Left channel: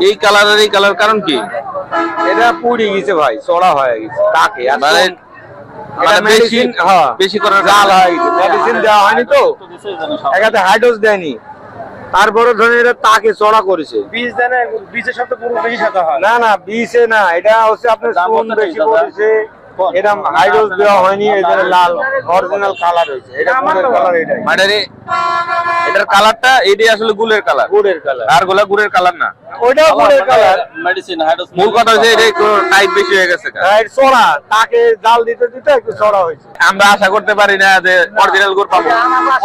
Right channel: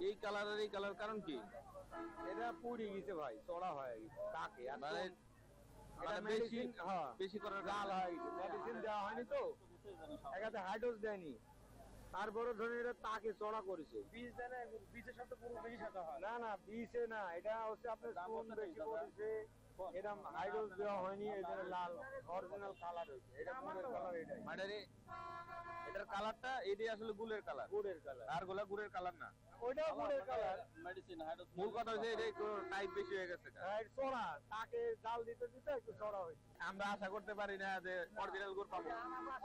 এই কালারের এই কালার কারণ কি? এটা পুড়ে গেছে ভাই চড়া হয়ে গেছে তাকে আর মানে মানে বেশি হ্যাঁ। বেশি করার জাল হয়ে গেছে মেডিসিন দেওয়া হয়নি তো। একাতে হাইডোজ দেয়নি। তারপরে ধরেন এটা তাকে চড়া করেছে। বীজ দেয় না বীজের সাথে পুরো বেশি সাথে হয়। না না বিষে না এটা হচ্ছে আপনার বেশি দাদা? হাইডোজ দেওয়া হয়নি এই জন্য লাল অরিজিনাল কালার হয়েছে। এটা গুড়ের কালার এটাই। মানে রে- এটার কালারটা এটাই আসলে গুলের কালার গুড়ের কালার আরগুলা গুড়ের কালার না। ওইটাও গুড়ের কালার মেডিসিন মূল কথা হচ্ছে এটা একটু টাইট বেশি হয়ে গেছে চড়া তাকে জাল দিতে দিতে একটু চড়া হয়েছে। আমরা আশা করতে পারি না যে অরিজিনাল গুড় পাবো।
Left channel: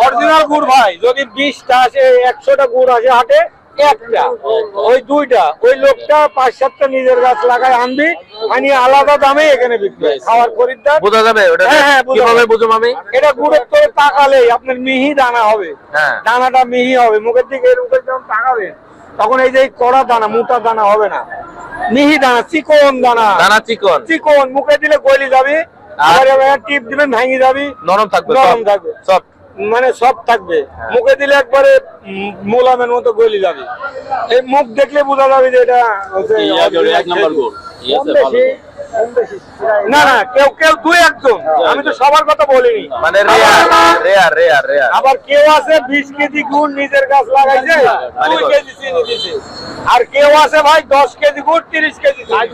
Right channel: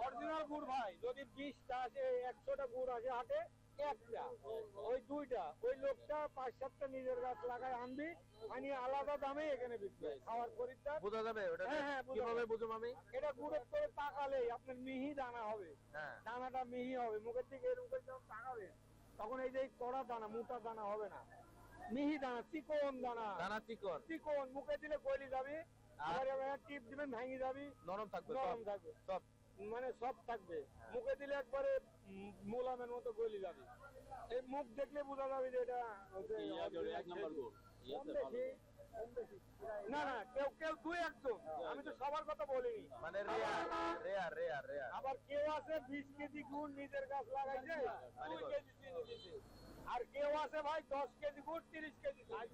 অরিজিনাল গুড় ভাই যদি বিশটা আসে একশোটা গুড় আসে হাটে একটা। ওই দুইটা। ওই লোকটা পাঁচ সাতটা নিজের গাছ লাগায় আনবি আনি আলাদা দামে এখানে বিক্রি হয়। খাওয়ার খরিদ্দার। বোঝা যাবে? ওটা হ্যাঁ, হ্যাঁ, কীভাবে বুঝুম আমি? এটা গুড়ের করে আপনার মিহি দানা হবে। হ্যাঁ। দানাটা মিহি হবে। মুখের দিকে করে যখন তাকাবেন তখন এই যে কড়া দানা মোটা দানা হবে না। মিহি দানা চিকন দানা। দানা চিকন। চিকন মুখে দিলে গলি যাবে। আর? টিপ দিবেন ভেঙে যাবি। নরম থাকবে নরম থাকবে। সব? মানে সব থাকবে। মুখে দিলে একবারে মোলামের মতো গলি যাবে। এই মুখ দেখলে বোঝা যাবে যে এটা এক নাম্বার না না কেউ কেউ দুই একজন। আমি তো সবার কথা বলিনি। মানে রেয়ার রেয়ার রেয়ার রেয়ার। আবার কেউ আছে বিশ কেজি গুড় নিজের গাছ লাগাইছে দুই কেজি চিনি দিছে। আর কেউ আছে ভাই দশ কেজি গুড় তিরিশ কেজি।